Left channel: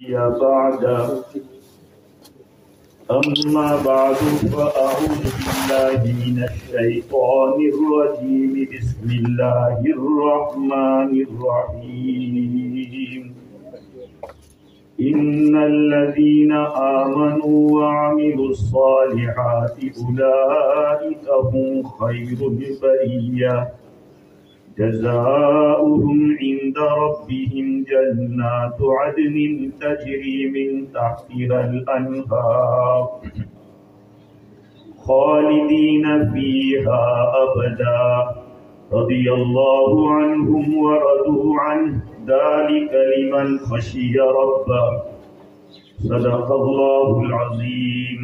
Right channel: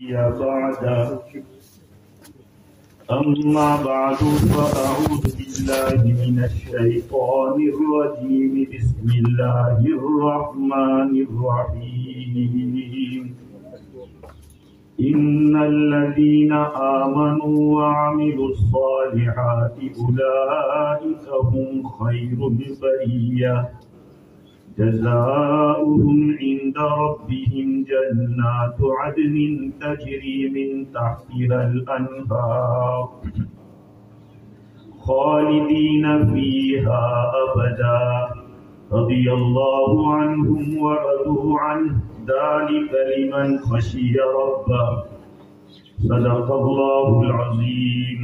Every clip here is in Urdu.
يا بعد أما بعد فأعوذ بالله من الشيطان الرجيم بسم الله الرحمن الرحيم إن الذين آمنوا وعملوا الصالحات أولئك هم خير البرية جزاؤهم عند ربهم جنات عدن تجري من تحتها الأنهار خالدين فيها أبدا رضي الله عنهم ورضوا عنه ذلك لمن خشي ربه صدق الله العظيم.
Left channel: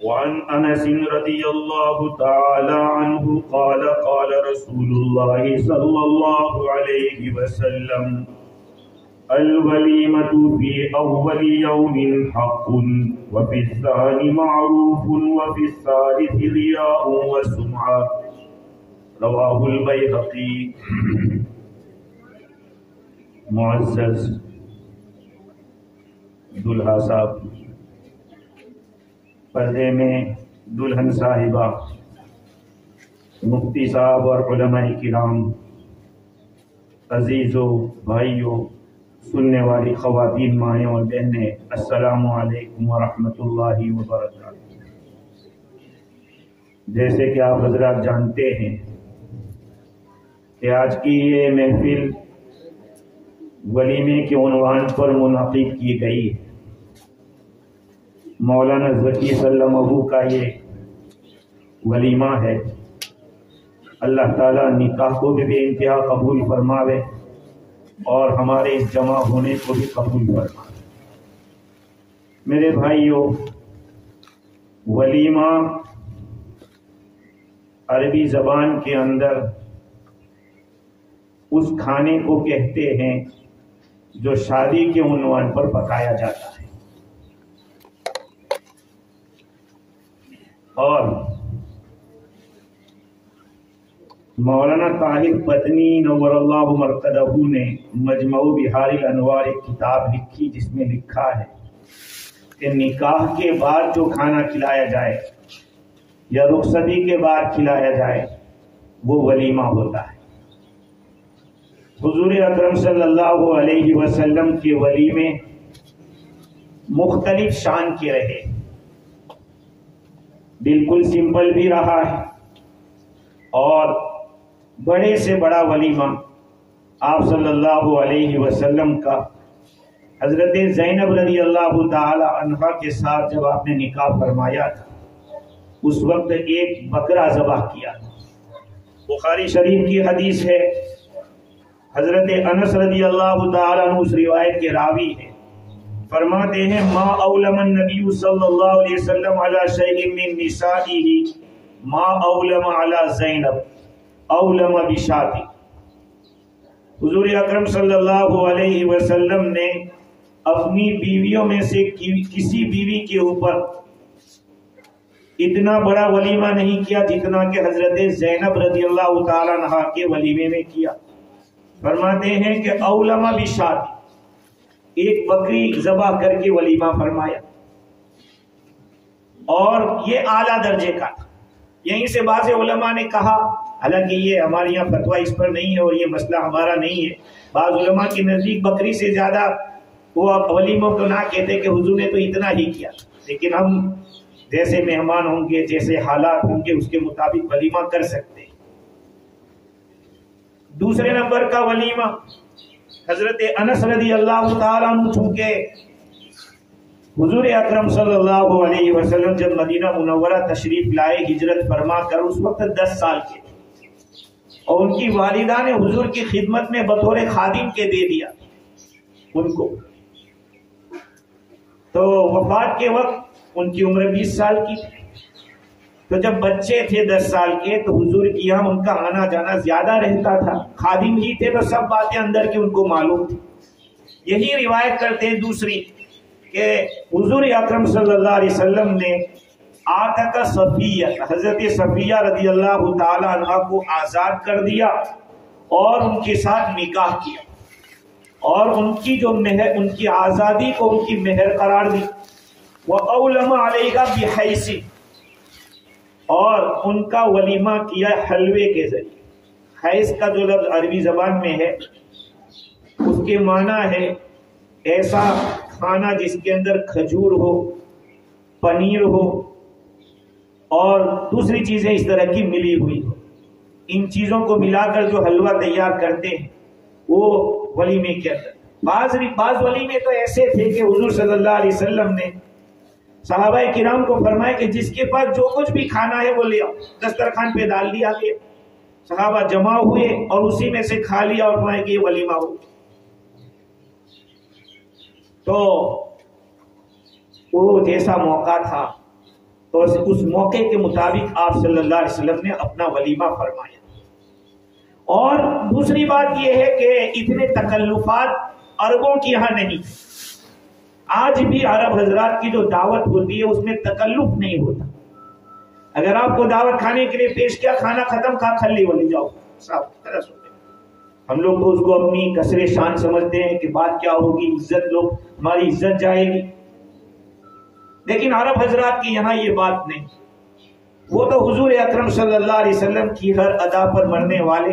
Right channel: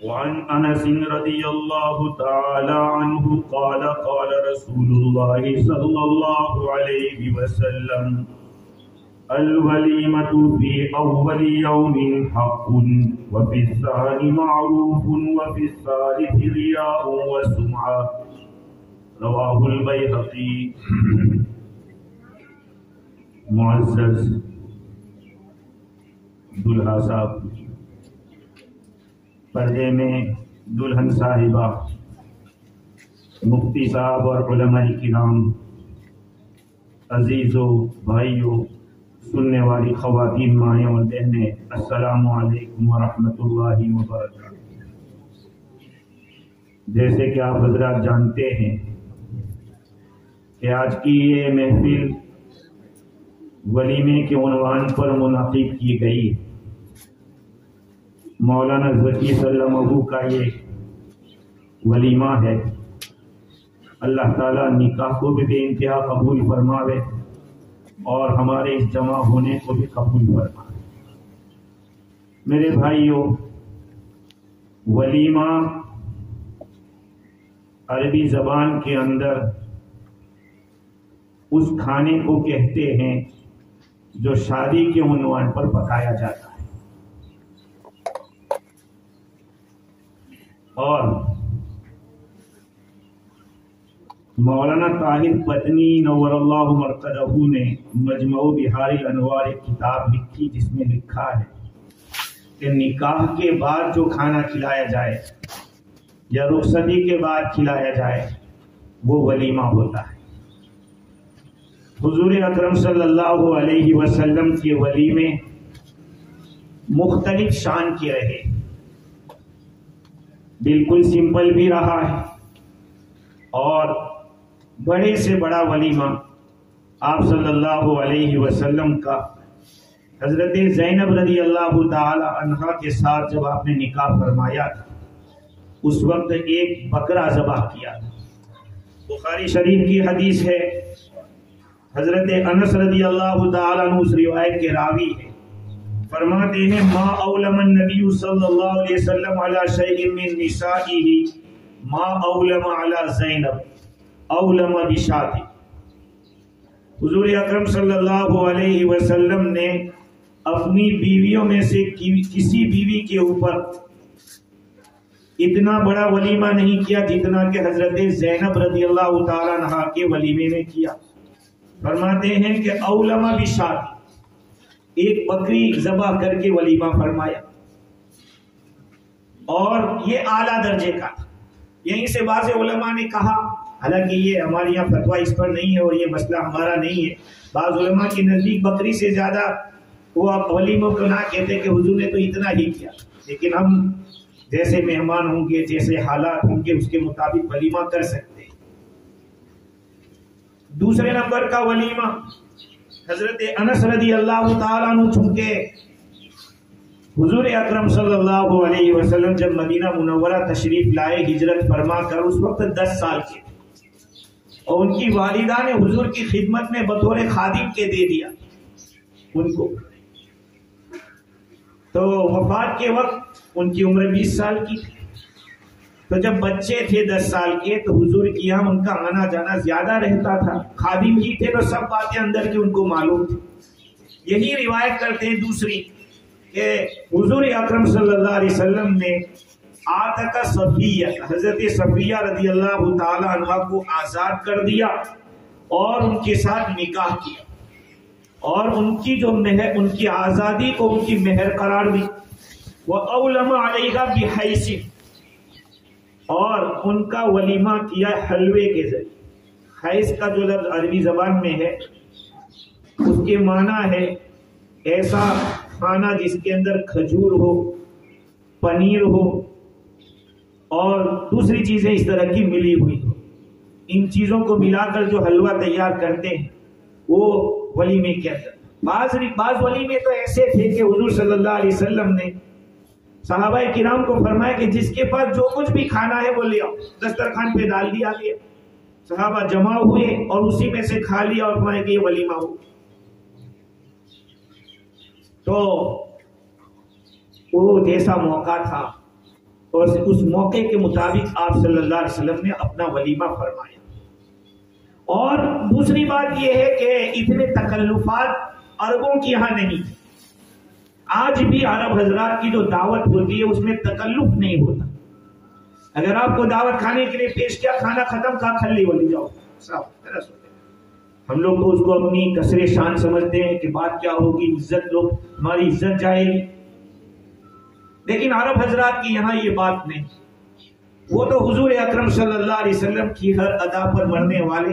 وعن أنس رضي الله تعالى عنه قال قال رسول الله صلى الله عليه وسلم الوليمة في أول يوم حق وفي الثاني معروف وفي الثالث رياء وسمعة رواه البيهقي. معزز دلہا صاحب، پردے میں دلہن صاحبہ، مفتی صاحب اور علماء کرام، عزیزوں، بھائیوں، سننے والی خواتین، مائیں اور بہنیں، السلام علیکم ورحمۃ اللہ وبرکاتہ۔ جیسے کہ آپ حضرات جانتے ہیں کہ آج کی یہ محفل ولیمے کے عنوان پر منعقد کی گئی ہے۔ مولانا ذکی سلمہ کا یہ ولیمہ ہے۔ اللہ تعالیٰ نکاح کو بھی بے انتہا قبول فرماوے اور ہمارے اس جمع ہونے کو بھی قبول فرماوے۔ میرے بھائیوں، ولیمہ عربی زبان کے اندر اس کھانے کو کہتے ہیں جو شادی کے عنوان پر پکایا جاتا ہے، اور مولانا طاہر پتنی نور اللہ مرقدہ نے مجمع بہار انوار ایک کتاب لکھی جس میں لکھا ہے کہ نکاح کے بعد جو کھانا کھلایا جائے یا رخصتی کے بعد کھلایا جائے وہ ولیمہ ہوتا ہے۔ حضور اکرم صلی اللہ علیہ وسلم کے ولیمے مختلف شان کے رہے، بالکل سمپل بھی رہا ہے، اور بڑے سے بڑا ولیمہ آپ صلی اللہ علیہ وسلم کا حضرت زینب رضی اللہ تعالی عنہا کے ساتھ جب آپ نے نکاح فرمایا تھا اس وقت ایک بکرا ذبح کیا تھا۔ بخاری شریف کی حدیث ہے، حضرت انس رضی اللہ تعالی عنہ اس روایت کے راوی ہیں، فرماتے ہیں ما اولم النبی صلی اللہ علیہ وسلم علی شیء من نسائہ ما اولم علی زینب اولم بشاۃ۔ حضور اکرم صلی اللہ علیہ وسلم نے اپنی بیویوں میں سے کسی بیوی کے اوپر اتنا بڑا ولیمہ نہیں کیا جتنا کہ حضرت زینب رضی اللہ تعالی عنہ کے ولیمے میں کیا۔ فرماتے ہیں کہ اولم بشاۃ، ایک بکری ذبح کر کے ولیمہ فرمایا، اور یہ اعلیٰ درجے کا تھا۔ یہیں سے بعض علماء نے کہا، حالانکہ یہ ہمارے یہاں فتویٰ اس پر نہیں ہے اور یہ مسئلہ ہمارا نہیں ہے، بعض علماء کے نزدیک بکری سے زیادہ وہ ولیموں کو نہ کہتے کہ حضور نے تو اتنا ہی کیا، لیکن ہم جیسے مہمان ہوں گے، جیسے حالات ہوں گے، اس کے مطابق ولیمہ کر سکتے ہیں۔ دوسرے نمبر کا ولیمہ حضرت انس رضی اللہ تعالیٰ عنہ، چونکہ حضور اکرم صلی اللہ علیہ وسلم جب مدینہ منورہ تشریف لائے ہجرت فرما کر، اس وقت 10 سال کے، اور ان کی والدہ نے حضور کی خدمت میں بطور خادم کے دے دیا ان کو، تو وفات کے وقت ان کی عمر 20 سال کی تھی۔ تو جب بچے تھے 10 سال کے تو حضور کی یہاں ان کا آنا جانا زیادہ رہتا تھا، خادم ہی تھے تو سب باتیں اندر کی ان کو معلوم تھی۔ یہی روایت کرتے ہیں دوسری کہ حضور اکرم صلی اللہ علیہ وسلم نے آتق صفیہ، حضرت صفیہ رضی اللہ تعالی عنہ کو آزاد کر دیا اور ان کے ساتھ نکاح کیا۔ اور ان کی جو مہر، ان کی آزادی کو ان کی مہر قرار دی. وَأَوْلَمَ عَلَيْهَا بِحَيْسٍ، اور ان کا ولیمہ کیا حلوے کے ذریعے. حیث کا جو لفظ عربی زبان میں ہے اس کے معنی ہے ایسا کھانا جس کے اندر کھجور ہو، پنیر ہو اور دوسری چیزیں اس طرح کی ملی ہوئی ہو. ان چیزوں کو ملا کر جو حلوہ تیار کرتے ہیں وہ ولیمے کے اندر. بعض ولیمے تو ایسے تھے کہ حضور صلی اللہ علیہ وسلم نے صحابہ کرام کو فرمایا کہ جس کے پاس جو کچھ بھی کھانا ہے وہ لے آؤ. دسترخوان پہ ڈال دیا کہ صحابہ جمع ہوئے اور اسی میں سے کھا لیا اور فرمایا کہ یہ ولیمہ ہو. تو وہ جیسا موقع تھا اور اس موقع کے مطابق آپ صلی اللہ علیہ وسلم نے اپنا ولیمہ فرمایا. اور دوسری بات یہ ہے کہ اتنے تکلفات عربوں کی یہاں نہیں. آج بھی عرب حضرات کی جو دعوت ہوتی ہے اس میں تکلف نہیں ہوتا. اگر آپ کو دعوت کھانے کے لیے پیش کیا، کھانا ختم، کھا کھلی والی جاؤ صاحب خلاص ہو گیا. ہم لوگ تو اس کو اپنی کثر شان سمجھتے ہیں کہ بات کیا ہوگی، عزت لوگ ہماری عزت جائے گی. لیکن عرب حضرات کی یہاں یہ بات نہیں. وہ تو حضور اکرم صلی اللہ علیہ وسلم کی ہر ادا پر مرنے والے،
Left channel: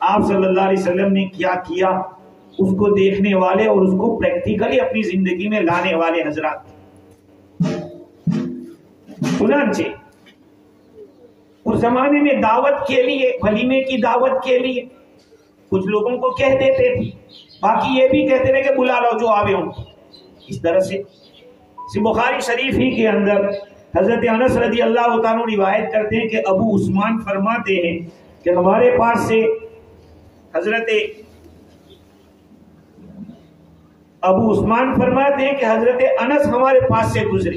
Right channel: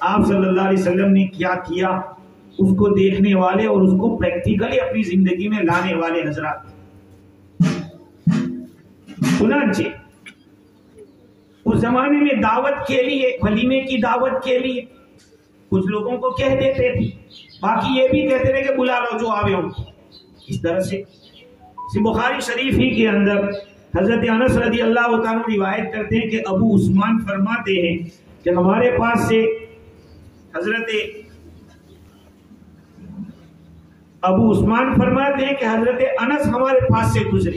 آپ صلی اللہ علیہ وسلم نے کیا کیا اس کو دیکھنے والے اور اس کو پریکٹیکلی اپنی زندگی میں لانے والے حضرات. چنانچہ اس زمانے میں دعوت کے لیے، ولیمے کی دعوت کے لیے کچھ لوگوں کو کہہ دیتے تھے، باقی یہ بھی کہتے تھے کہ بلا لو جو آوے ہوں. اس طرح سے بخاری شریف ہی کے اندر حضرت انس رضی اللہ تعالیٰ روایت کرتے ہیں کہ ابو عثمان فرماتے ہیں کہ ہمارے پاس سے حضرت ابو عثمان فرماتے ہیں کہ حضرت انس ہمارے پاس سے گزرے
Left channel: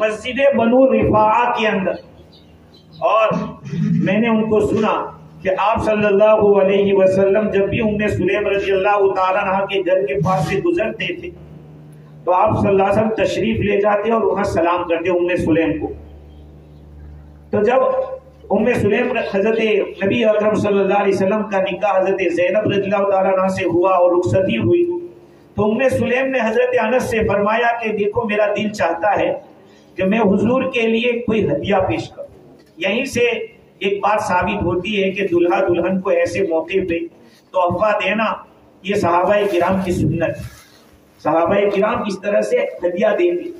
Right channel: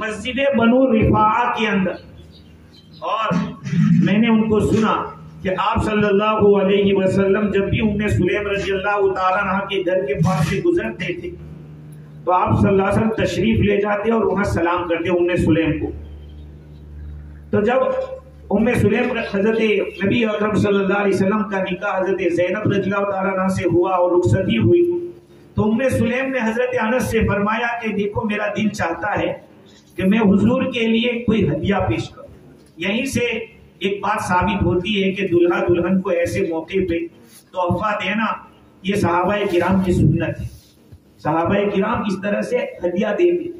مسجد بنو رفاعہ کے اندر، اور میں نے ان کو سنا کہ آپ صلی اللہ علیہ وسلم جب بھی ام سلیم رضی اللہ تعالیٰ عنہ کے گھر کے پاس سے گزرتے تھے تو آپ صلی اللہ علیہ وسلم تشریف لے جاتے اور وہاں سلام کرتے ام سلیم کو. تو جب ام سلیم حضرت نبی اکرم صلی اللہ علیہ وسلم کا نکاح حضرت زینب رضی اللہ تعالیٰ عنہ سے ہوا اور رخصتی ہوئی تو ام سلیم نے حضرت انس سے فرمایا کہ دیکھو میرا دل چاہتا ہے کہ میں حضور کے لیے کوئی ہدیہ پیش کروں. یہیں سے ایک بات ثابت ہوتی ہے کہ دلہا دلہن کو ایسے موقع پہ تحفہ دینا یہ صحابہ کرام کی سنت ہے. صحابہ کرام اس طرح سے ہدیہ دیتے.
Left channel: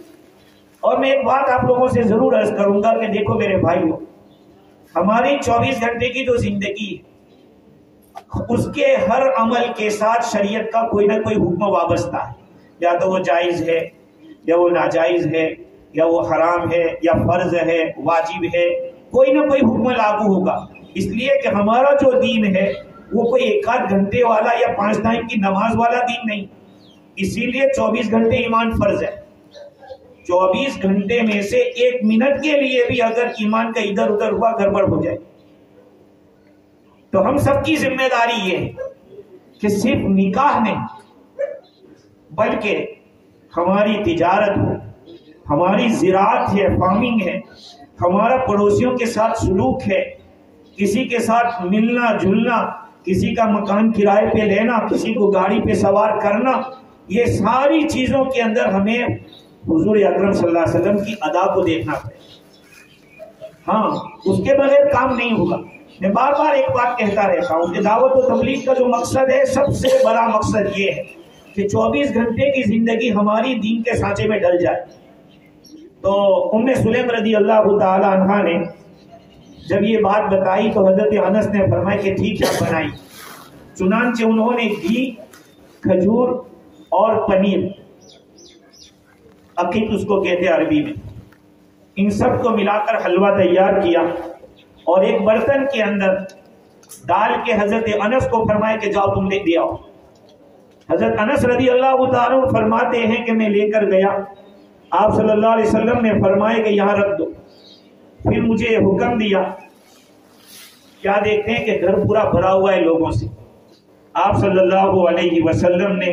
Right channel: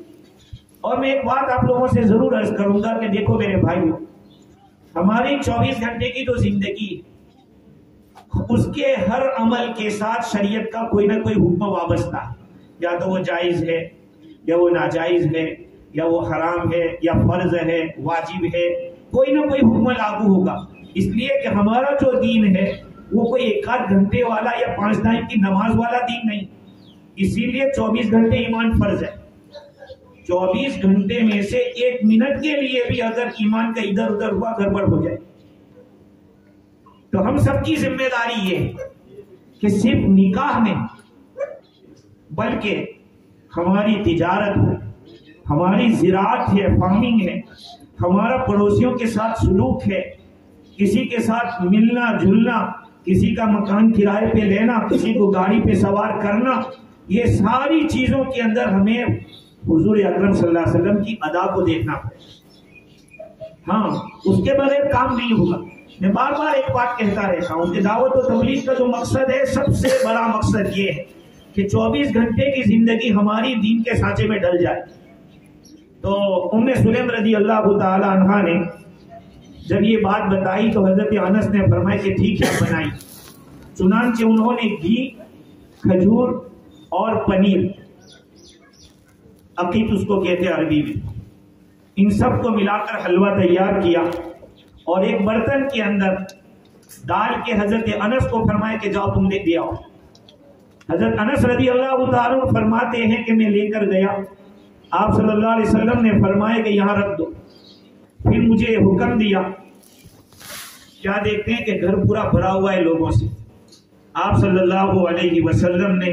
اور میں ایک بات آپ لوگوں سے ضرور عرض کروں گا کہ دیکھو میرے بھائیوں، ہماری 24 گھنٹے کی جو زندگی ہے اس کے ہر عمل کے ساتھ شریعت کا کوئی نہ کوئی حکم وابستہ ہے. یا تو وہ جائز ہے یا وہ ناجائز ہے یا وہ حرام ہے یا فرض ہے واجب ہے، کوئی نہ کوئی حکم لاگو ہوگا. اس لیے کہ ہمارا جو دین ہے وہ کوئی 1-8 گھنٹے والا یا 5 ٹائم کی نماز والا دین نہیں. اسی لیے 24 گھنٹے ایمان فرض ہے. 24 گھنٹے میں سے 1 منٹ کے لیے بھی اگر ایمان کا ادھر ادھر ہوا گڑبڑ ہو جائے تو ہم سب کی ذمہ داری یہ ہے کہ صرف نکاح نہیں بلکہ ہماری تجارت ہو، ہماری زراعت ہے، فارمنگ ہے، ہمارا پڑوسیوں کے ساتھ سلوک ہے، کسی کے ساتھ ملنا جلنا، کسی کا مکان کرائے پہ لینا، کسی کو گاڑی پہ سوار کرنا، یہ ساری چیزوں کے اندر ہمیں حضور اکرم صلی اللہ علیہ وسلم کی ادا کو دیکھنا پڑے. ہاں اس کے بغیر کام نہیں ہوگا. میں بار بار ایک بات کہتا رہتا ہوں کہ دعوت و تبلیغ کا جو مقصد ہے سب سے بڑا مقصد یہ ہے کہ 24 گھنٹے کی زندگی ہماری دین کے سانچے میں ڈل جائے. تو ام سلیم رضی اللہ تعالی عنہا نے جب یہ بات بتائی تو حضرت انس نے فرمایا کہ ٹھیک ہے بنائی. چنانچہ انہوں نے گھی، کھجور اور پنیر، عقیق اس کو کہتے ہیں عربی میں، ان سب کو ملا کر حلوہ تیار کیا اور ایک برتن کے اندر ڈال کے حضرت انس کو فرمایا کہ جاؤ تم لے دے آؤ. حضرت انس رضی اللہ تعالیٰ فرماتے ہیں کہ میں لے کر گیا. آپ صلی اللہ علیہ وسلم نے فرمایا کہ یہاں رکھ دو. پھر مجھے حکم دیا. کیا دیکھتے ہیں کہ گھر پورا بھرا ہوا ہے لوگوں سے. آپ صلی اللہ علیہ وسلم نے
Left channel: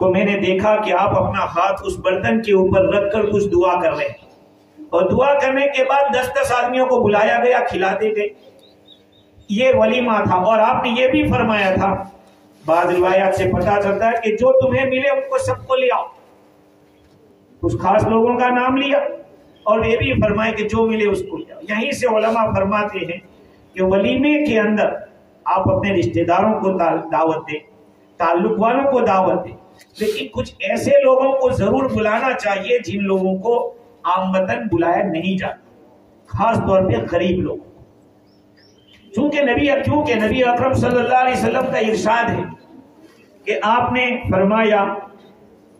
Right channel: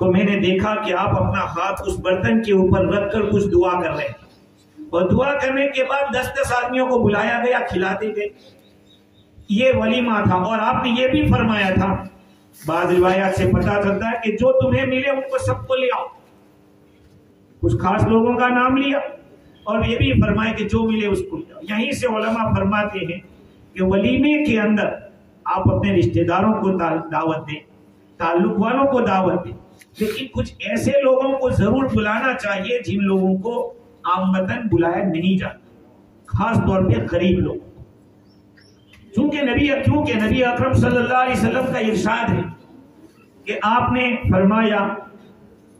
کو میں نے دیکھا کہ آپ اپنا ہاتھ اس برتن کے اوپر رکھ کر کچھ دعا کر رہے ہیں اور دعا کرنے کے بعد 10 آدمیوں کو بلایا گیا، کھلاتے گئے. یہ ولیمہ تھا. اور آپ نے یہ بھی فرمایا تھا بعض روایات سے پتہ چلتا ہے کہ جو تمہیں ملے ان کو سب کو لے آؤ. کچھ خاص لوگوں کا نام لیا اور یہ بھی فرمائے کہ جو ملے اس کو لے آؤ. یہیں سے علماء فرماتے ہیں کہ ولیمے کے اندر آپ اپنے رشتہ داروں کو دعوت دیں, تعلق والوں کو دعوت دیں, لیکن کچھ ایسے لوگوں کو ضرور بلانا چاہیے جن لوگوں کو عامتاً بلایا نہیں جاتا, خاص طور پہ غریب لوگ. کیونکہ نبی اکرم صلی اللہ علیہ وسلم کا ارشاد ہے کہ آپ نے فرمایا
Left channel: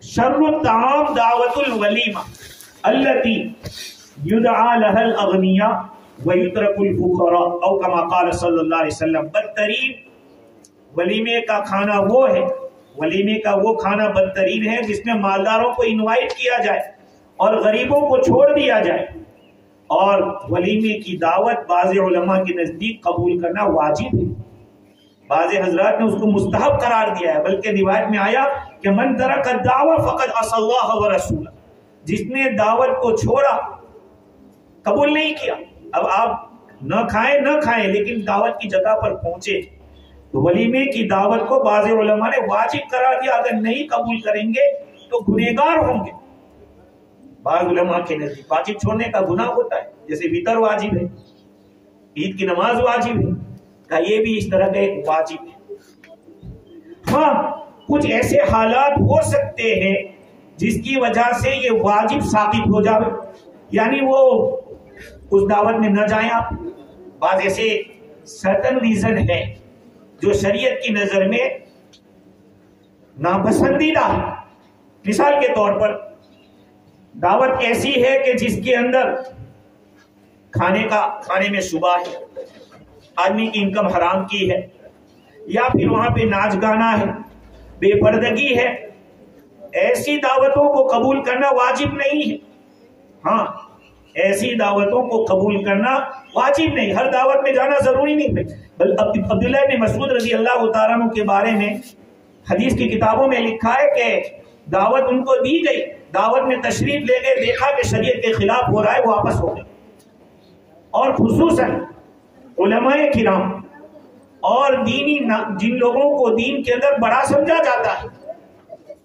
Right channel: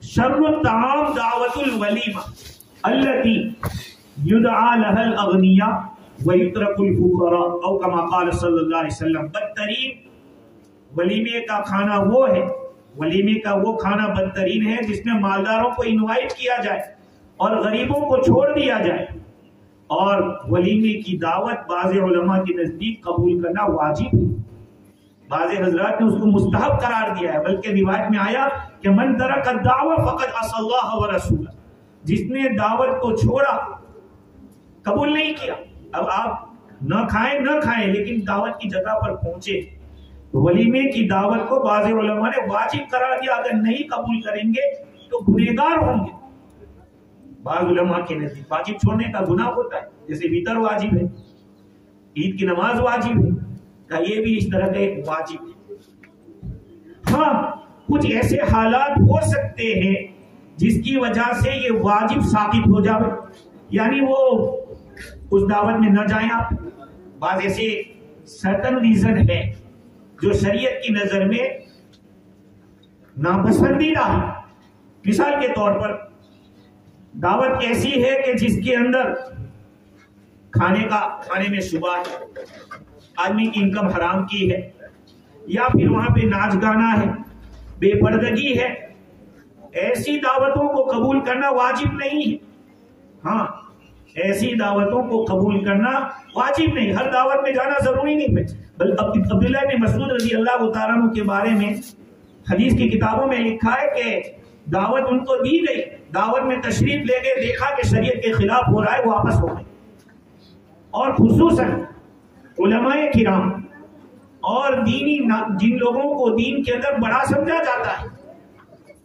شر الطعام دعوت الولیمہ التی یدعا لها الاغنیاء ویترک الفقراء او کما قال صلی اللہ علیہ وسلم. بدترین ولیمے کا کھانا وہ ہے, ولیمے کا وہ کھانا بدترین ہے جس میں مالداروں کو انوائٹ کیا جائے اور غریبوں کو چھوڑ دیا جائے. اور ولیمے کی دعوت بعض علماء کے نزدیک قبول کرنا واجب ہے, بعض حضرات نے اس کو مستحب قرار دیا ہے, بلکہ روایت میں آیا کہ من ترک الدعوہ فقد عصى اللہ ورسولہ, جس نے دعوت کو چھوڑا, قبول نہیں کیا. اب آپ نہ کھائیں لیکن دعوت کی جگہ پر پہنچے. ولیمے کی دعوت کو بعض علماء نے واجب قرار دیا, اگر نہیں قبول کریں گے تو گنہگار ہوں گے. بعض علماء کے نزدیک واجب چھوڑنے کا گناہ ہوتا ہے, جیسے وطر واجب ہے, عید کی نماز واجب ہے, کہ یہ بھی اس طرح کا ایک واجب ہے. ہاں کچھ ایسے حالات ہو سکتے ہیں جس کی وجہ سے یہ واجب ثابت ہو جائے, یعنی وہ اس دعوت میں نہ جائیں آپ. بعض ایسے سرٹن ریزن ہے جو شریعت کی نظر میں ناپسندیدہ ہے. مثال کے طور پر دعوت ایسی ہے کہ جس کے اندر کھانے میں شبہ ہے, آدمی کی انکم حرام کی ہے, یا پھر وہاں پہ ناچ گانا ہے, بے پردگی ہے. ایسی دعوتوں کو قبول کرنا واجب نہیں ہے. ہاں ایسی دعوتوں کو قبول کرنا واجب نہیں, ہر دعوت میں جانا ضروری نہیں ہے. عبداللہ بن مسعود رضی اللہ تعالیٰ عنہ کے بارے میں حدیث کی کتابوں میں لکھا ہے کہ دعوت ان کو دی گئی, دعوت میں تشریف لے گئے, دیکھا کہ شریعت کے خلاف ہو رہا ہے, واپس ہو گئے. اور خصوصاً علماء کرام اور جن لوگوں کو دین کے اندر بڑا سمجھا جاتا ہے,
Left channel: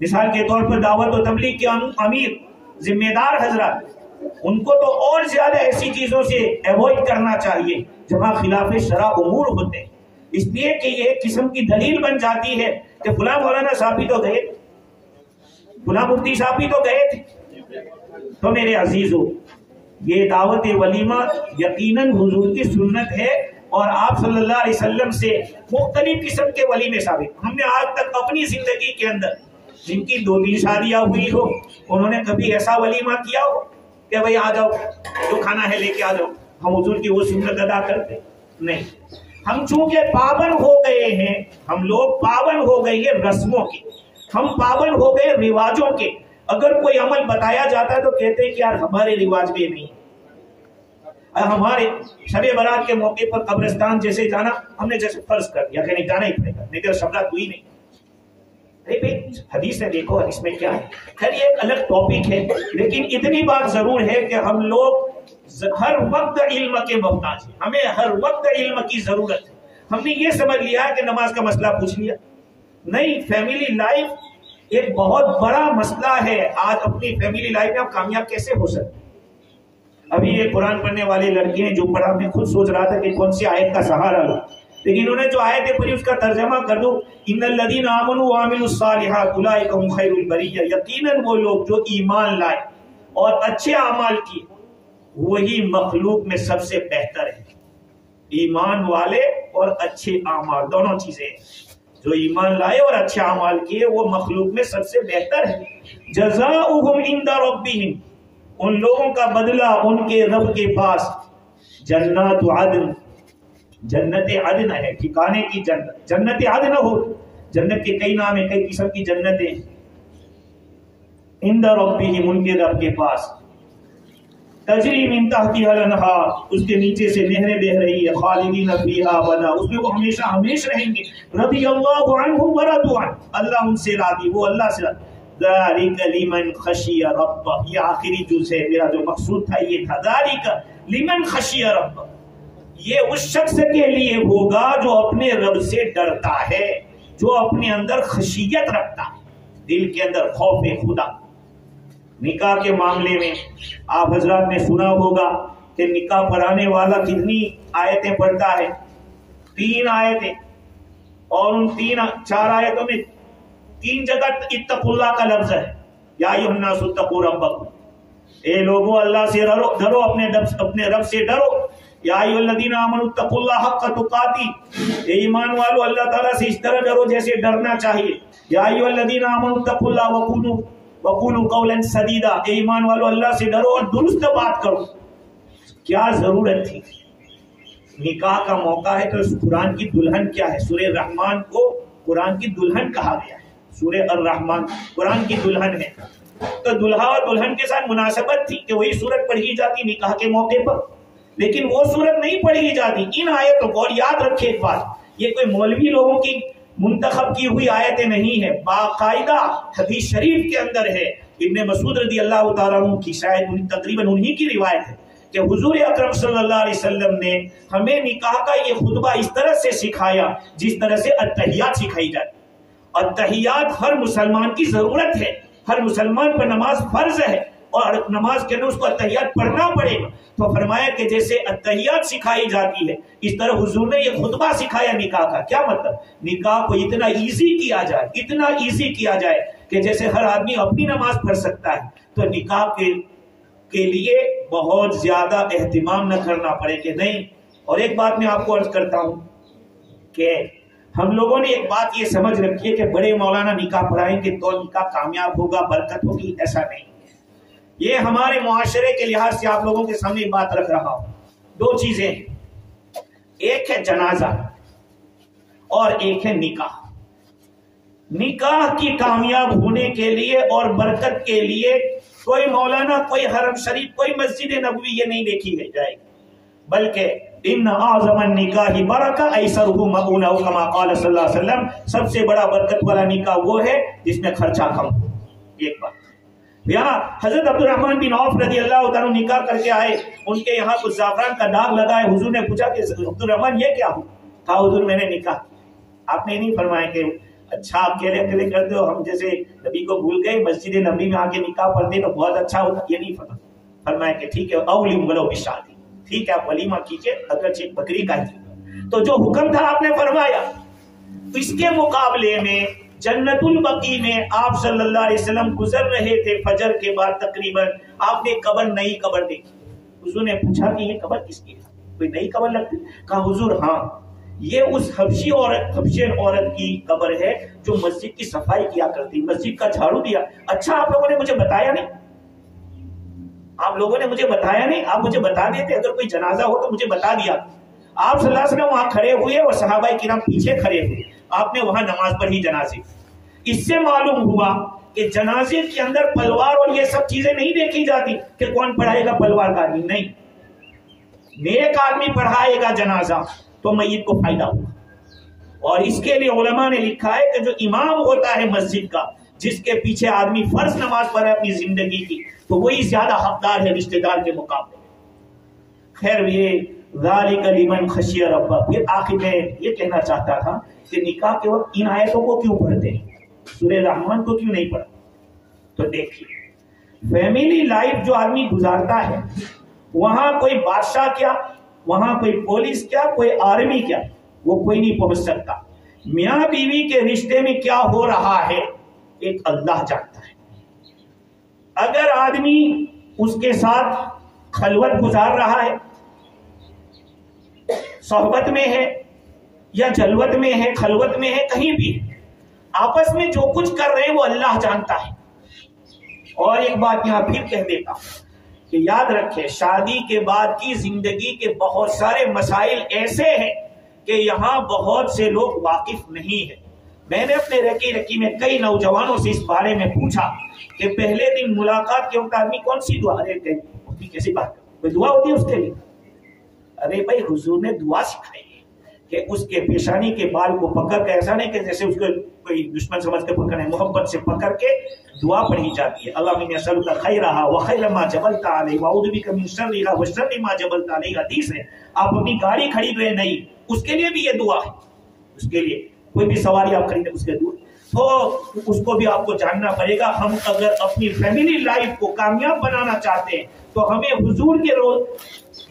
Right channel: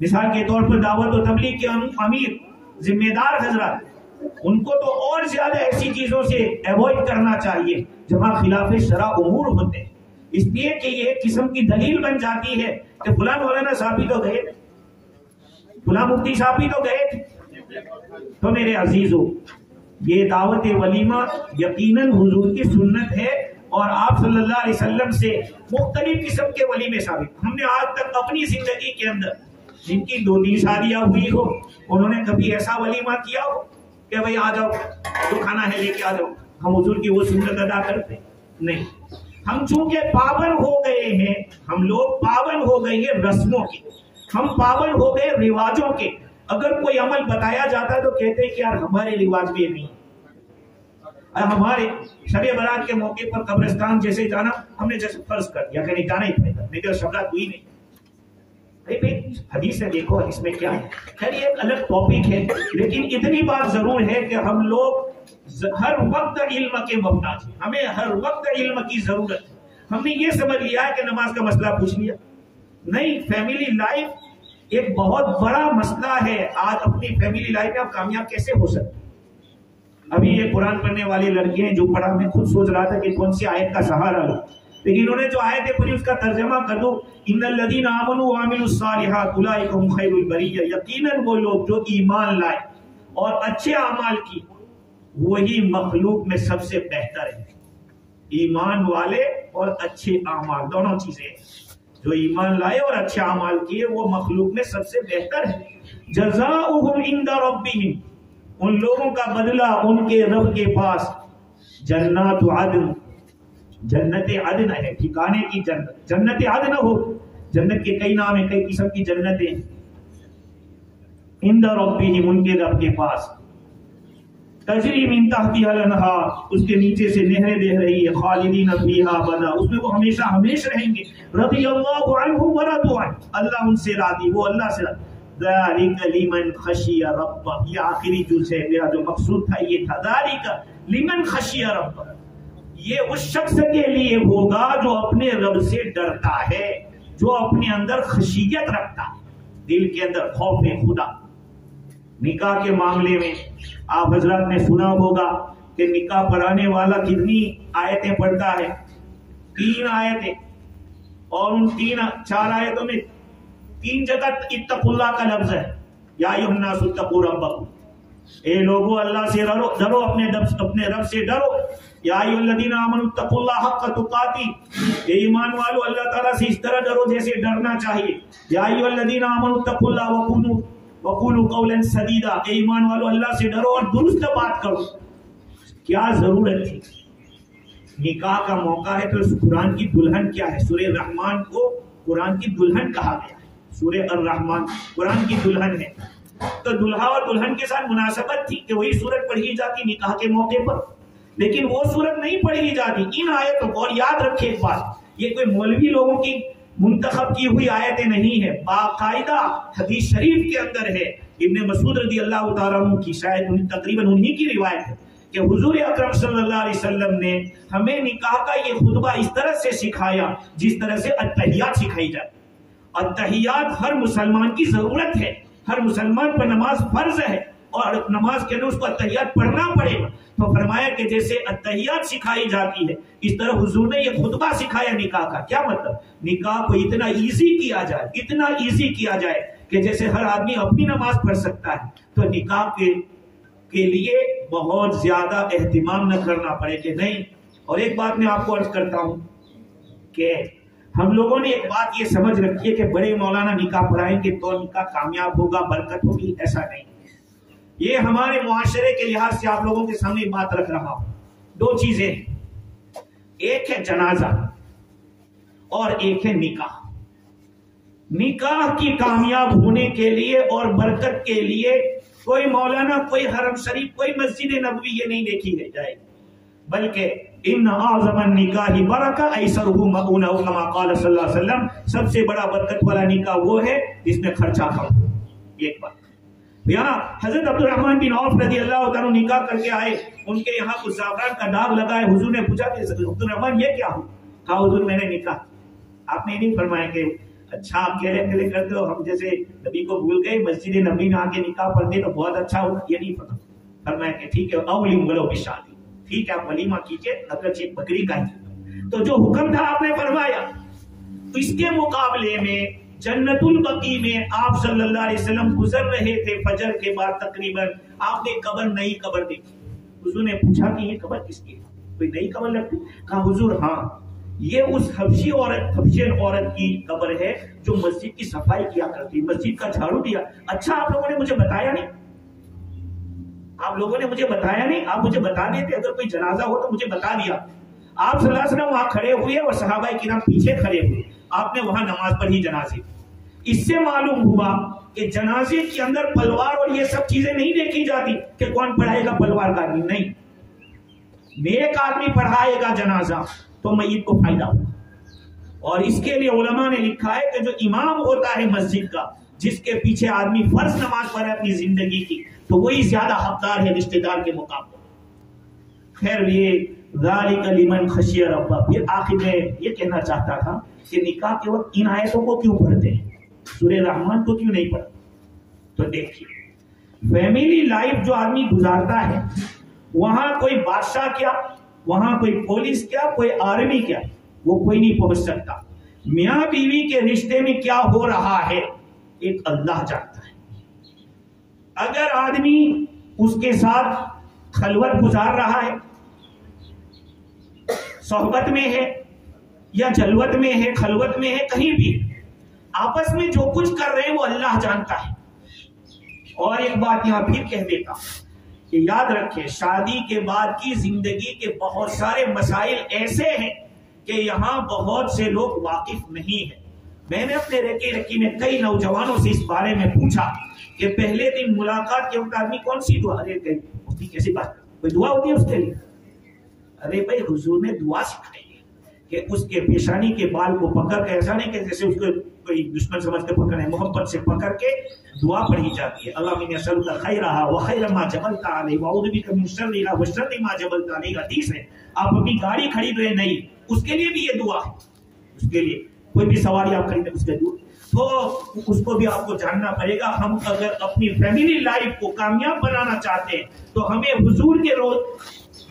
مثال کے طور پر دعوت و تبلیغ کے امیر ذمہ دار حضرات, ان کو تو اور زیادہ ایسی چیزوں سے ایوائڈ کرنا چاہیے جہاں خلاف شرع امور ہوتے ہیں, اس لیے کہ یہ ایک قسم کی دلیل بن جاتی ہے کہ فلاں مولانا صاحب تو گئے تھے, فلاں مفتی صاحب تو گئے تھے. تو میرے عزیزو, یہ دعوت ولیمہ یقیناً حضور کی سنت ہے, اور آپ صلی اللہ علیہ وسلم سے مختلف قسم کے ولیمے ثابت. ہم نے آج تک اپنی زندگی کے اندر جن کی 2-3 شادیاں ہوئی ہو, انہوں نے کبھی ایسا ولیمہ کیا ہو کہ بھئی آ جاؤ, جو کھانا ہے لے کے آ جاؤ, ہم حضور کی وہ سنت ادا کرتے نہیں. ہم چونکہ پابند ہو گئے ہیں, ہم لوگ پابند ہو گئے ہیں رسموں کے, ہم پابند ہو گئے رواجوں کے. اگر کوئی عمل بتایا جاتا ہے تو کہتے ہیں کہ یار ہمارے رواج بھی نہیں. ہمارے شب برات کے موقع پر قبرستان جیسے جانا ہم نے جیسے فرض کر دیا کہ نہیں جانا ہی پڑے گا, لیکن شب رات ہوئی نہیں. حدیث ہے, دیکھو حدیث میں کیا ہے. خیر یہ ایک الگ ٹاپک ہے, لیکن اتنی بات ضرور ہے کہ ہم لوگ ہر وقت علم کے محتاج ہیں, ہمیں ہر وقت علم کی ضرورت ہے. ہم نے یہ سمجھ لیا کہ نماز کا مسئلہ پوچھ لیا, نہیں. فیملی لائف ایک بہت بڑا مسئلہ ہے. آج اپنی فیملی لائف میں آپ کامیاب کیسے ہو سکتے؟ ابھی یہ قرآن پڑھنے والی لڑکی ہیں جو پڑھا, میں خود سوچ رہا تھا کہ کون سی آیت کا سہارا لوں, لیکن انہوں نے جو آیت پڑھی اس کا ترجمہ کر دوں, ان الذین آمنوا وعملوا الصالحات اولئک هم خیر البریہ. یقیناً وہ لوگ جو ایمان لائے اور اچھے اعمال کیے وہی مخلوق میں سب سے بہتر ہے. ایمان والے اور اچھے اعمال دونوں چیزیں, جو ایمان لائے اور اچھے اعمال کیے وہ مخلوق میں سب سے بہتر ہے. جزاؤہم عند ربہم, ان لوگوں کا بدلہ ان کے رب کے پاس جنات عدن, جنت عدن ہے, ٹھکانے کی جنت. جنت عدن ہو, جنت کے کئی نام ہیں, کئی قسم کی جنتیں. عند ربہم, ان کے رب کے پاس. تجری من تحتها الانہار, اس کے نیچے سے نہریں بہ رہی ہے. خالدین فیہا ابدا, اس میں وہ ہمیشہ ہمیشہ رہیں گے. رضی اللہ عنہم ورضوا عنہ, اللہ ان سے راضی, وہ اللہ سے راضی. ذالک لمن خشی ربہ, یہ آخری جز ہے, میرا جو مقصود تھا یہ تھا. ذالک لمن خشی ربہ, یہ اس شخص کے لیے ہوگا جو اپنے رب سے ڈرتا ہے, جو اپنے اندر خشیت رکھتا ہے، دل کے اندر خوف خدا۔ نکاح کے معاملے میں آپ حضرات نے سنا ہوگا کہ نکاح پڑھانے والا کتنی آیتیں پڑھتا ہے؟ 3 آیتیں، اور ان 4 آیتوں میں 3 جگہ اتقوا اللہ کا لفظ ہے۔ یا ایھا الناس اتقوا ربکم، اے لوگو اللہ سے ڈرو، اپنے رب سے ڈرو۔ یا ایھا الذین آمنوا اتقوا اللہ حق تقاتی، اے ایمان والو اللہ تعالیٰ سے اس طرح ڈرو جیسے ڈرنا چاہیے۔ یا ایھا الذین آمنوا اتقوا اللہ وقولوا قولا سدیدا، اے ایمان والو اللہ سے ڈرو اور درست بات کرو۔ کیا ضرورت تھی؟ نکاح کا موقع ہے تو قرآن کی دلہن کیا ہے؟ سورہ رحمان کو قرآن کی دلہن کہا گیا ہے۔ سورہ الرحمن قرآن کی دلہن ہے، تو دلہا اور دلہن کے ساتھ مناسبت تھی کہ وہی سورت پڑھی جاتی نکاح کے موقع پر، لیکن وہ سورت نہیں پڑھی جاتی ان آیتوں کو۔ اور یاد رکھیے ایک بات، یہ کوئی مولوی لوگوں کی منتخب کی ہوئی آیتیں نہیں ہے، باقاعدہ حدیث شریف کے اندر ہے۔ ابن مسعود رضی اللہ تعالیٰ عنہ کی شاید تقریباً انہی کی روایت ہے کہ حضور اکرم صلی اللہ علیہ وسلم نے ہمیں نکاح کا یہ خطبہ اس طرح سے سکھایا جس طرح سے التحیات سکھائی جائے۔ التحیات ہر مسلمان کی ضرورت ہے، ہر مسلمان پر نماز فرض ہے اور نماز کے اندر اس کو التحیات پڑھنا پڑے گا۔ تو فرمایا کہ جیسے التحیات سکھائی جاتی ہے اس طرح حضور نے یہ خطبہ سکھایا نکاح کا۔ کیا مطلب؟ نکاح کو اتنا ایزی کیا جائے، اتنا ایزی کیا جائے کہ جیسے ہر آدمی اپنی نماز پڑھ سکتا ہے، تو نکاح کے لیے بہت زیادہ اہتمام نہ کرنا پڑے کہ نہیں۔ اور ایک بات میں آپ کو عرض کرتا ہوں کہ ہم لوگوں نے ایک بات یہ سمجھ رکھی ہے کہ بڑے مولانا نکاح پڑھائیں گے تو نکاح کامیاب ہوگا، برکت ہوگی، ایسا نہیں۔ یہ ہمارے معاشرے کے لحاظ سے آپ لوگوں کے سامنے بات رکھ رہا ہوں۔ 2 چیزیں ہیں، ایک ہے جنازہ اور ایک ہے نکاح۔ نکاح کی کامیاب ہونے کے لیے اور برکت کے لیے کوئی مولانا، کوئی حرم شریف، کوئی مسجد نبوی یہ نہیں دیکھی جائے گی، بلکہ ان اعظم النکاح برکہ ایسرہ مؤونہ، کما قال صلی اللہ علیہ وسلم، سب سے بڑا برکت والا نکاح وہ ہے جس میں خرچہ کم ہو۔ ایک بات یہاں حضرت عبد الرحمن بن عوف رضی اللہ تعالیٰ نکاح کر کے آئے، ان کے یہاں کچھ زعفران کا داغ لگا ہے۔ حضور نے پوچھا کہ عبد الرحمن یہ کیا ہو؟ کہا حضور میں نے نکاح۔ آپ نے نہیں فرمایا کہ اچھا اکیلے اکیلے کرتے ہو، ہم جیسے نبی کو بھول گئے، مسجد نبی میں آگے نکاح پڑھتے تو بہت اچھا ہوتا، یہ نہیں فرمایا کہ ٹھیک ہے اولیم ولو بشادی، ٹھیک ہے آپ ولیمہ کیجئے اگرچہ ایک بکری کا ہی۔ تو جو حکم تھا آپ نے فرمایا۔ اس کے مقابلے میں جنت البقیع میں آپ صلی اللہ علیہ وسلم گزر رہے تھے فجر کے بعد تقریباً، آپ نے قبر، نئی قبر دیکھی۔ حضور نے پوچھا کہ یہ قبر کس کی ہے؟ کوئی نئی قبر لگتی؟ کہا حضور ہاں، یہ اس حبشی عورت کی قبر ہے جو مسجد کی صفائی کیا کرتی، مسجد کا جھاڑو دیا۔ اچھا آپ لوگوں نے مجھے بتایا نہیں، آپ لوگوں نے مجھے بتایا نہیں، آپ مجھے بتا دیتے، اگر کوئی جنازہ ہو تو مجھے بتا دیا۔ آپ صلی اللہ علیہ وسلم وہاں کھڑے ہوئے اور صحابہ کرام پیچھے کھڑے ہوئے، آپ نے وہاں نماز پڑھی جنازے۔ اس سے معلوم ہوا کہ جنازے کے اندر پلوار اور یہ سب چیزیں نہیں دیکھی جاتی کہ کون پڑھائے گا پلوار کا آدمی، نہیں، نیک آدمی پڑھائے گا جنازہ تو میت کو فائدہ ہوگا۔ اور اس کے لیے علماء نے لکھا ہے کہ جو امام ہوتا ہے مسجد کا، جس کے پیچھے آدمی فرض نماز پڑھے اپنی زندگی کی، تو وہی زیادہ حقدار ہے رشتہ دار کے مقابلے۔ خیر یہ ذالک لمن خشی ربہ۔ پھر آخر میں یہ کہنا چاہتا تھا کہ نکاح کے وقت ان آیتوں کو کیوں پڑھتے ہیں، سورہ رحمان کو کیوں نہیں پڑھتے؟ تو دیکھیے فیملی لائف جو آدمی گزارتا ہے، وہاں کوئی بادشاہ کیا، وہاں کوئی پولیس کیا، کوئی آرمی کیا، وہ کوئی نہیں پہنچ سکتا۔ میاں بیوی کے رشتے میں کیا ہو رہا ہے ایک اللہ جانتا ہے۔ اگر آدمی اس کے ساتھ خلوت گزار رہا ہے، صحبت میں ہے یا جلوت میں ہے، خلوت میں ہے، کہیں بھی آپس میں جو کچھ کر رہے ہیں وہ اللہ جانتا ہے۔ اور ایک بات یہاں پھر کہہ دیتا ہوں کہ یاد رکھیں شادی کے بعد کی زندگی کے بہت سارے مسائل ایسے ہیں کہ یہاں بہت سے لوگ واقف نہیں ہیں۔ میں نے اپنے رکی میں کئی نوجوانوں سے اس بارے میں پوچھا کہ پہلے دن ملاقات کے وقت آدمی کون سی دعا دیتے ہیں؟ اس کی کیسی بات کرتے؟ کوئی دعا ہوتی ہے اس کے لیے؟ ارے بھائی حضور نے دعا سکھائی ہے کہ اس کے پیشانی کے بال کو پکڑ کے، ایسا نہیں کہ جیسے اس کو کوئی دشمن سمجھ کے پکڑنا ہے، محبت سے پکڑ کے دعا پڑھی جاتی ہے۔ اللہم انی اسألک خیرہا وخیر ما جبلت علیہ واعوذ بک من شرہا وشر ما جبلت علیہ۔ حدیث ہے، آپ اپنی گاڑی خرید رہے نہیں، اس کے لیے بھی یہ دعا ہے، اس کے لیے کوئی بھی سواری آپ خریدیں اس کے دور، تو اس کو بھی آپ کو جاننا پڑے گا. ہم اگر اپنی فیملی لائف کو کامیاب بنانا چاہتے ہیں تو ہمیں حضور کے روز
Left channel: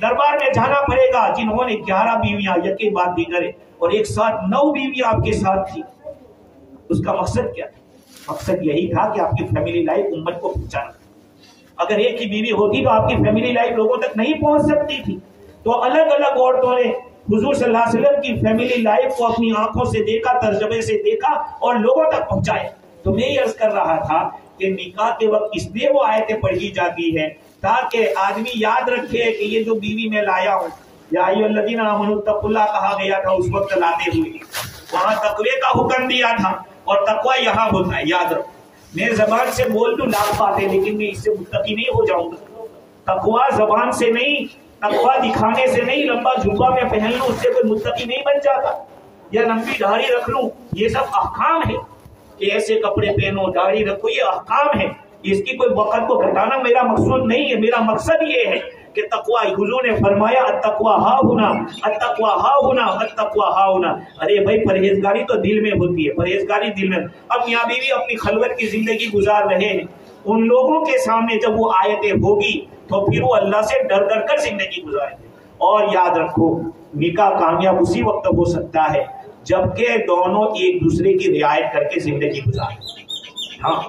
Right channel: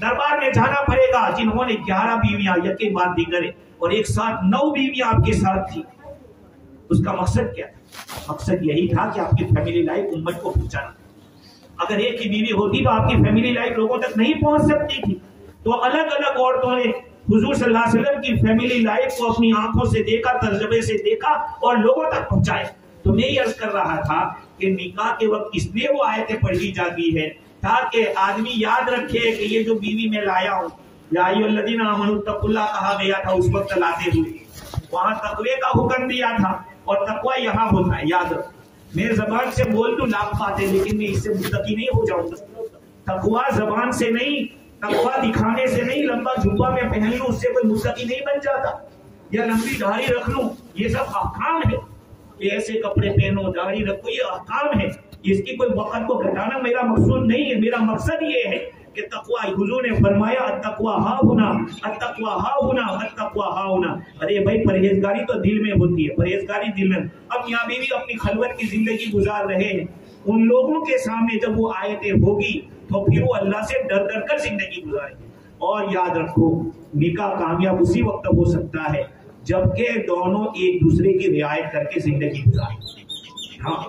دربار میں جانا پڑے گا جنہوں نے 11 بیویاں یقین بات دیگر ہے اور ایک ساتھ 9 بیویاں آپ کے ساتھ تھی. اس کا مقصد کیا تھا؟ مقصد یہی تھا کہ آپ کی فیملی لائف امت کو پہنچانا. اگر ایک ہی بیوی ہوتی تو آپ کی فیملی لائف لوگوں تک نہیں پہنچ سکتی تھی. تو الگ الگ عورتوں نے حضور صلی اللہ علیہ وسلم کی فیملی لائف کو اپنی آنکھوں سے دیکھا، تجربے سے دیکھا اور لوگوں تک پہنچایا. تو میں یہ عرض کر رہا تھا کہ نکاح کے وقت اس لیے وہ آیتیں پڑھی جاتی ہے تاکہ آدمی یاد رکھے کہ یہ جو بیوی میں لایا ہوں، یا ایھا الذین آمنوا اتقوا اللہ کہا گیا تھا اس وقت لاتے ہوئے، وہاں تقوی کا حکم دیا تھا اور تقوی یہاں ہوتا ہے. یاد رکھو، میں زبان سے بول دوں لاکھ باتیں لیکن میں اس سے متقی نہیں ہو جاؤں گا. تقوی زبان سے نہیں، تقوی دکھانے سے نہیں. لمبا جھبا میں پہن لوں اس سے کوئی متقی نہیں بن جاتا، یا لمبی داڑھی رکھ لوں، یہ سب احکام ہے کہ ایسے کپڑے پہنو، داڑھی رکھو، یہ احکام ہے. اس کی کوئی وقت کو گھٹانا میرا مقصود نہیں ہے. میرا مقصد یہ ہے کہ تقوی، حضور نے فرمایا التقوی ہا ہونا، التقوی ہا ہونا، التقوی ہا ہونا. ارے بھائی پرہیزگاری تو دل میں ہوتی ہے، پرہیزگاری دل میں. اب میاں بیوی اپنی خلوت کی زندگی گزار رہے ہیں، ان لوگوں کے سامنے جب وہ آیتیں ہوگی تو پھر وہ اللہ سے ڈر ڈر کر زندگی گزاریں گے. اور یاد رکھو نکاح کامیاب اسی وقت ہو سکتا ہے جبکہ دونوں ایک دوسرے کی رعایت کر کے زندگی گزاریں. ہاں،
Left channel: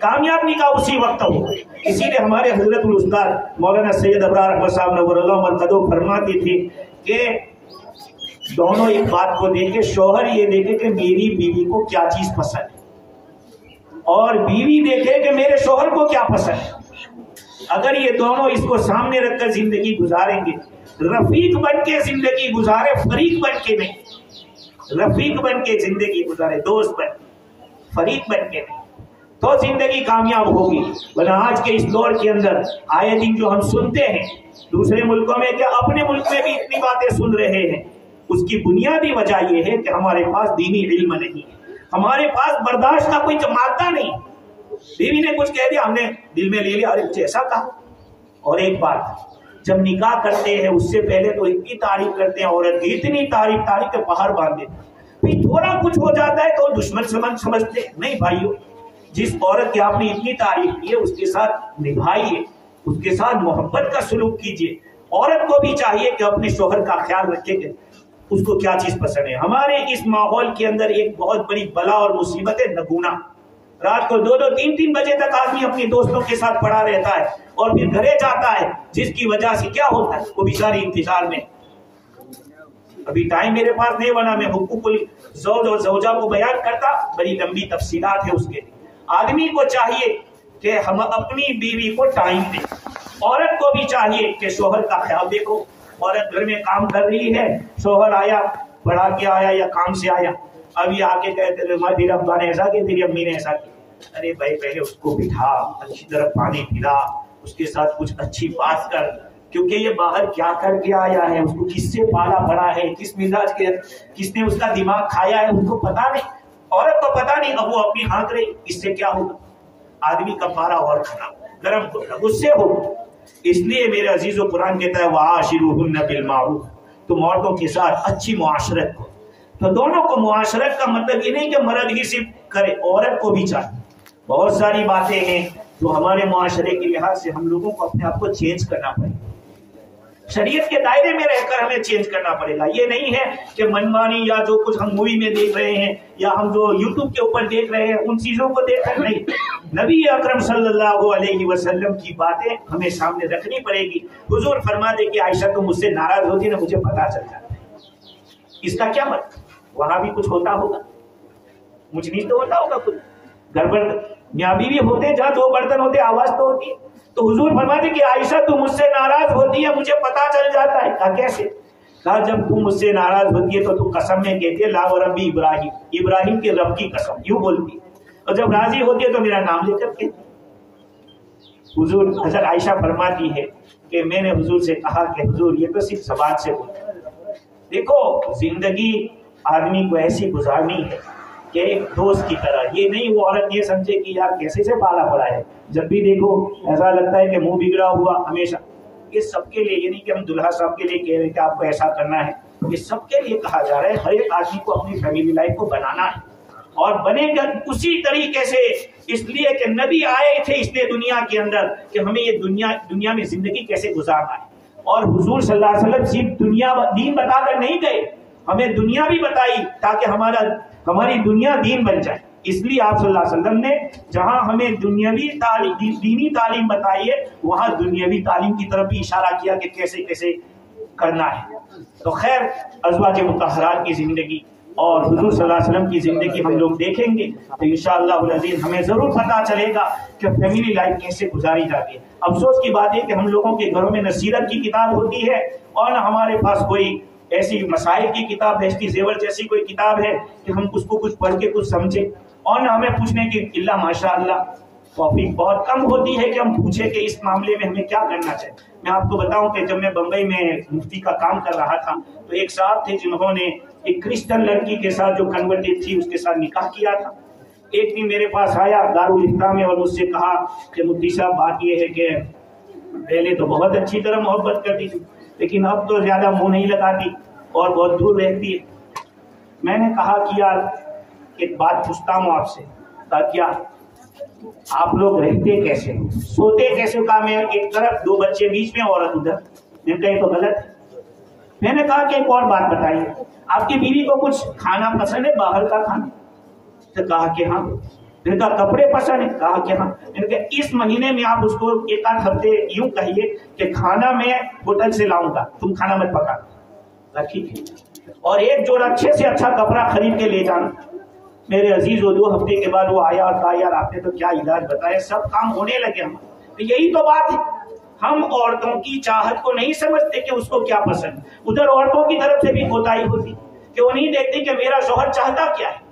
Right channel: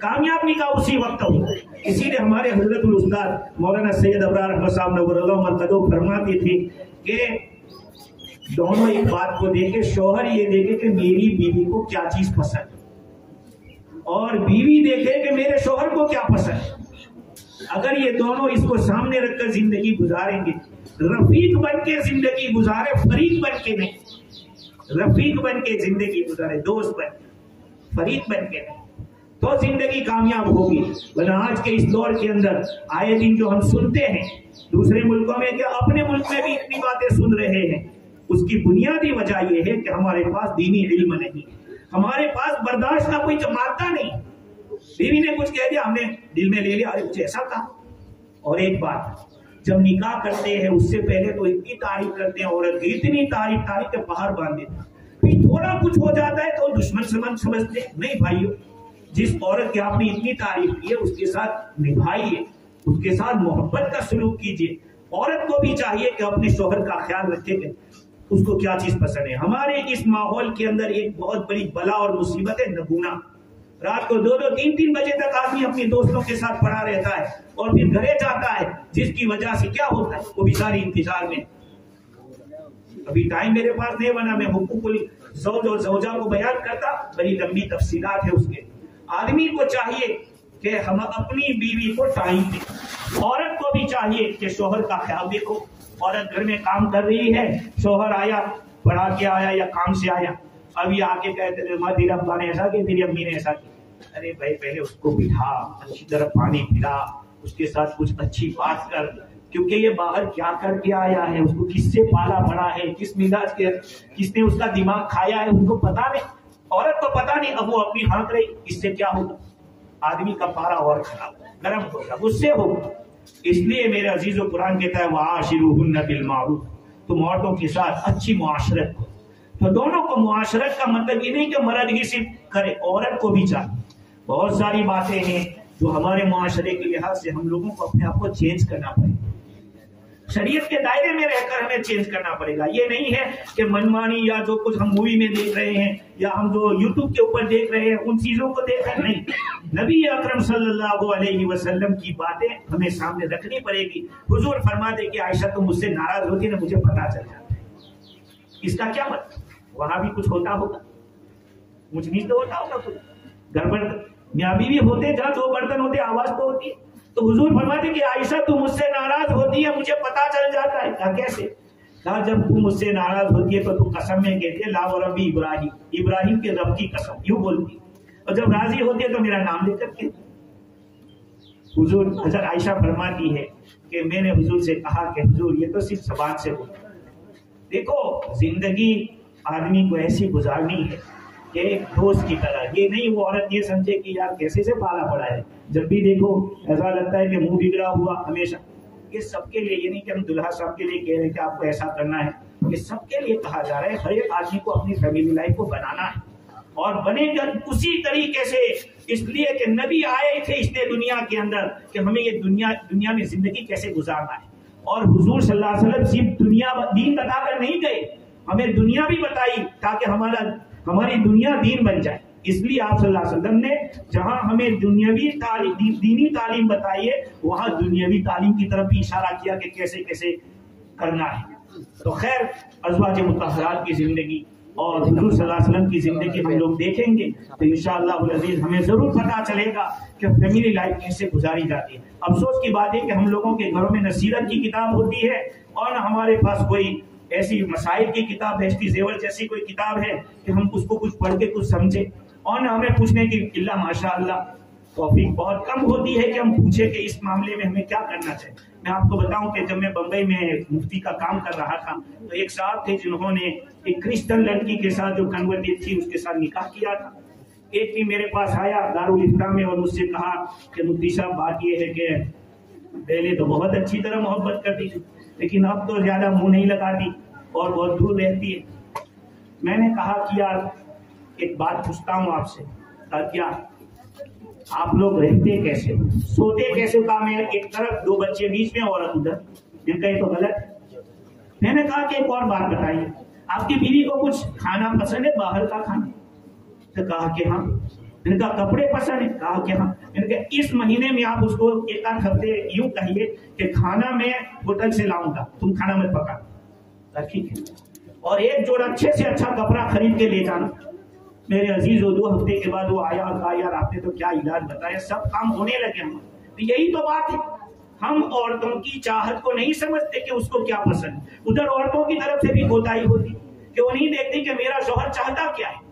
کامیاب نکاح اسی وقت ہو. اسی لیے ہمارے حضرت الاستاد مولانا سید ابرار احمد صاحب نور اللہ مرقدہ فرماتی تھی کہ دونوں ایک بات کو دیکھے، شوہر یہ دیکھے کہ میری بیوی کو کیا چیز پسند ہے اور بیوی دیکھے کہ میرے شوہر کو کیا پسند ہے. اگر یہ دونوں اس کو سامنے رکھ کر زندگی گزاریں گے، رفیق بن کے زندگی گزارے، فریق بن کے نہیں، رفیق بن کے زندگی گزارے، دوست بن، فریق بن کے نہیں، تو زندگی کامیاب ہوگی. ورنہ آج کے اس دور کے اندر آئے دن جو ہم سنتے ہیں دوسرے ملکوں میں، کیا اپنے ملک میں بھی اتنی باتیں سن رہے ہیں، اس کی بنیادی وجہ یہ ہے کہ ہمارے پاس دینی علم نہیں ہے، ہمارے پاس برداشت کا کوئی مادہ نہیں. بیوی نے کچھ کہہ دیا، ہم نے دل میں لے لیا، ارے کچھ ایسا کہا. اور ایک بات، جب نکاح کرتے ہیں اس سے پہلے تو اتنی تعریف کرتے ہیں عورت کی، اتنی تعریف کے پہاڑ باندھ دیتے ہیں. پھر تھوڑا کچھ ہو جاتا ہے تو دشمن سمجھتے ہیں. نہیں بھائیو، جس عورت کی آپ نے اتنی تعریف کی ہے اس کے ساتھ نبھائیے، اس کے ساتھ محبت کا سلوک کیجیے. عورت کو بھی چاہیے کہ اپنے شوہر کا خیال رکھے کہ اس کو کیا چیز پسند ہے. ہمارے اس ماحول کے اندر ایک بہت بڑی بلا اور مصیبت ہے نگونا. رات کو 2-2 3-3 بجے تک آدمی اپنے دوستوں کے ساتھ پڑا رہتا ہے اور پھر گھرے جاتا ہے، جس کی وجہ سے کیا ہوتا ہے، وہ بیچاری انتظار میں. ابھی ٹائم میرے پاس نہیں بنا، میں حقوق الزوج اور زوجہ کو بیان کرتا، بڑی لمبی تفصیلات ہے اس کے. آدمی کو چاہیے کہ ہم اپنی بیوی کو ٹائم دیں. عورت کو بھی چاہیے کہ شوہر کا خیال دیکھو. عورت گھر میں کام کر رہی ہے، شوہر آیا، پڑھا کے آیا یا کام سے آیا، ابھی آ کے کہتے ہیں تیرے ابا نے ایسا کیا، تیری امی نے ایسا کیا. ارے بھائی پہلے اس کو بٹھا، اچھی طرح پانی پلا، اس کے ساتھ کچھ اچھی بات کر، کیونکہ یہ باہر کیا کر کے آیا ہے، اس کو کس سے پالا بڑا ہے، کس مزاج کے، کس نے اس کا دماغ کھایا ہے، ان کو پتا نہیں. عورت کو پتا نہیں، اب وہ اپنی ہانک رہی. اس سے کیا ہوگا، آدمی کا پارا اور خراب، گرم ہوگا، غصے ہوگا. اس لیے میرے عزیز و قرآن کہتا ہے وَعَاشِرُوهُنَّ بِالْمَعْرُوفِ، تم عورتوں کے ساتھ اچھی معاشرت کو. تو دونوں کو معاشرت کا مطلب یہ نہیں کہ مرد ہی صرف کرے، عورت کو بھی چاہیے. بہت ساری باتیں ہیں جو ہمارے معاشرے کے لحاظ سے ہم لوگوں کو اپنے آپ کو چینج کرنا پڑے گا، شریعت کے دائرے میں رہ کر ہمیں چینج کرنا پڑے گا. یہ نہیں ہے کہ منمانی یا جو کچھ ہم مووی میں دیکھ رہے ہیں یا ہم جو یوٹیوب کے اوپر دیکھ رہے ہیں ان چیزوں کو دیکھ کر نہیں. نبی اکرم صلی اللہ علیہ وسلم کی باتیں ہمیں سامنے رکھنی پڑے گی. حضور فرماتے کہ عائشہ تم مجھ سے ناراض ہوتی نا، مجھے پتا چل جاتا ہے. اس کا کیا مطلب، وہاں بھی کچھ ہوتا ہوگا، مجھ نہیں تو ہوتا ہوگا کچھ. گھر پر میاں بیوی ہوتے جہاں 2 برتن ہوتے آواز تو ہوتی ہے. تو حضور فرماتے کہ عائشہ تم مجھ سے ناراض ہوتی ہے، مجھے پتا چل جاتا ہے. کہا کیسے؟ کہا جب تم مجھ سے ناراض ہوتی ہے تو تم قسم میں کہتی ہے لا وربی ابراہیم، ابراہیم کے رب کی قسم، یوں بولتی. اور جب راضی ہوتی ہے تو میرا نام لے کر کے. حضور حضرت عائشہ فرماتی ہے کہ میں نے حضور سے کہا کہ حضور یہ تو صرف زبان سے بولتے. دیکھو زندگی آدمی کو ایسی گزارنی ہے کہ ایک دوست کی طرح. یہ نہیں وہ عورت یہ سمجھے کہ یار کیسے سے پالا پڑا ہے، جب بھی دیکھو ایسا لگتا ہے کہ منہ بگڑا ہوا ہمیشہ. یہ سب کے لیے، یہ نہیں کہ ہم دلہا صاحب کے لیے کہہ رہے کہ آپ کو ایسا کرنا ہے. یہ سب کے لیے کہا جا رہا ہے. ہر ایک آدمی کو اپنی فیملی لائف کو بنانا ہے اور بنے گا اسی طریقے سے، اس لیے کہ نبی آئے تھے اس لیے دنیا کے اندر کہ ہمیں یہ دنیا میں زندگی کیسے گزارنا ہے. اور حضور صلی اللہ علیہ وسلم صرف دین بتا کر نہیں گئے، ہمیں دنیا بھی بتائی تاکہ ہماری دنیا دین بن جائے. اس لیے آپ صلی اللہ علیہ وسلم نے جہاں ہمیں دنیاوی تعلیم، دینی تعلیم بتائی ہے، وہاں دنیاوی تعلیم کی طرف بھی اشارہ کیا کہ کیسے کیسے کرنا ہے. تو خیر، ازواج مطہرات کی زندگی اور حضور صلی اللہ علیہ وسلم کی زندگی ہم لوگ دیکھیں گے تو انشاءاللہ العزیز ہمیں ضرور پتہ چلے گا کہ فیملی لائف کیسے گزاری جاتی ہے. افسوس کی بات ہے کہ ہم لوگوں کے گھروں میں نہ سیرت کی کتاب ہوتی ہے اور نہ ہمارے پاس کوئی ایسی مسائل کی کتاب ہے، ہسٹری زیور جیسی کوئی کتاب ہے کہ ہم اس کو کچھ پڑھ کے کچھ سمجھیں، اور نہ ہمیں پوچھنے کی اللہ ماشاء اللہ توفیق بہت کم ہوتی ہے کہ ہم پوچھیں کہ اس معاملے میں ہمیں کیا کرنا چاہیے. میں آپ کو بتاؤں کہ جب میں بمبئی میں مفتی کا کام کر رہا تھا تو ایک صاحب تھے جنہوں نے ایک کرسچن لڑکی کے ساتھ جو کنورٹڈ تھی اس کے ساتھ نکاح کیا تھا. ایک دن میرے پاس آیا دارالفتہ میں اور مجھ سے کہا کہ مفتی صاحب بات یہ ہے کہ پہلے تو بہت اچھی طرح محبت کرتی تھی لیکن اب تو زیادہ منہ نہیں لگاتی اور بہت دور رہتی ہے. میں نے کہا کہ یار ایک بات پوچھتا ہوں آپ سے، کیا آپ لوگ رہتے کیسے، سوتے کیسے؟ کہا میں ایک طرف، دو بچے بیچ میں، عورت ادھر. میں کہے تو غلط ہے. میں نے کہا کہ ایک اور بات بتائیے، آپ کی بیوی کو کچھ کھانا پسند ہے، باہر کا کھانا؟ تو کہا کہ ہاں. میں نے کہا کپڑے پسند ہے؟ کہا کہ ہاں. میں نے کہا اس مہینے میں آپ اس کو ایک آدھ ہفتے یوں کہیے کہ کھانا میں ہوٹل سے لاؤں گا، تم کھانا مت پکا. ٹھیک ہے. اور ایک جوڑا اچھے سے اچھا کپڑا خرید کے لے جانا. میرے عزیز، وہ 2 ہفتے کے بعد وہ آیا اور کہا یار آپ نے تو کیا علاج بتایا، سب کام ہونے لگے ہم. تو یہی تو بات ہے، ہم عورتوں کی چاہت کو نہیں سمجھتے کہ اس کو کیا پسند. ادھر عورتوں کی طرف سے بھی کوتاہی ہوتی کہ وہ نہیں دیکھتی کہ میرا شوہر چاہتا کیا ہے.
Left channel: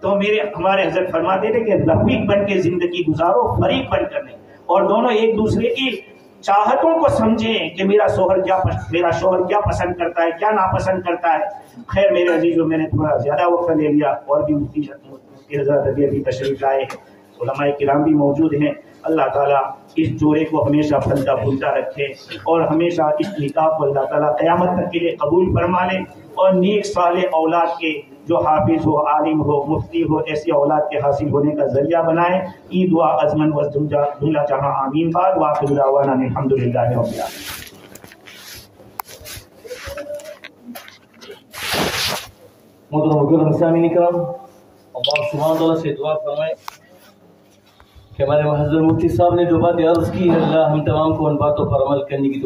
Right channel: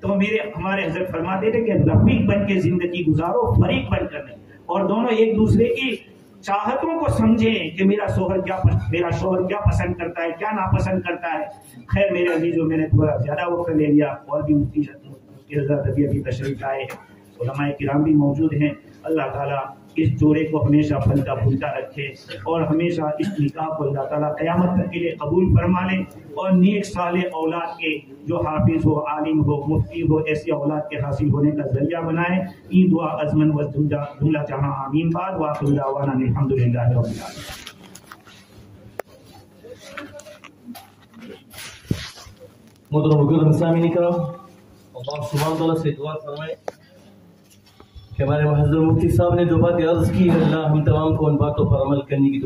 تو ہمارے حضرت فرماتے تھے کہ رفیق بن کے زندگی گزارو، فریق بن کر نہیں، اور دونوں ایک دوسرے کی چاہتوں کو سمجھیں کہ میرا شوہر کیا پسند کرتا ہے، کیا ناپسند کرتا ہے. خیر میرے عزیزوں، میں نے تھوڑا زیادہ وقت لے لیا، اور بھی مفتی حضرت ابھی تشریف لائے ہیں، علماء کرام بھی موجود ہیں. اللہ تعالیٰ اس جوڑے کو ہمیشہ پھلتا پھولتا رکھے اور ہمیشہ اس نکاح کو اللہ تعالیٰ قیامت تک کے لیے قبول فرما لے، اور نیک صالح اولاد کے جو حافظ ہو، عالم ہو، مفتی ہو، ایسی اولاد کے حاصل ہونے کا ذریعہ بنائے. ای دعا ازمن و دنیا جہاں آمین. بعد وآخر دعوانا الحمدللہ رب العالمین. محترم مکرم سامعین کرام، اللہ سبحانہ تعالیٰ سے دعا فرمائے کہ ہمارے محضر مفتی صاحب نے جو باتیں عرض کی، اللہ ہم تمام کو ان باتوں پر عمل کرنے کی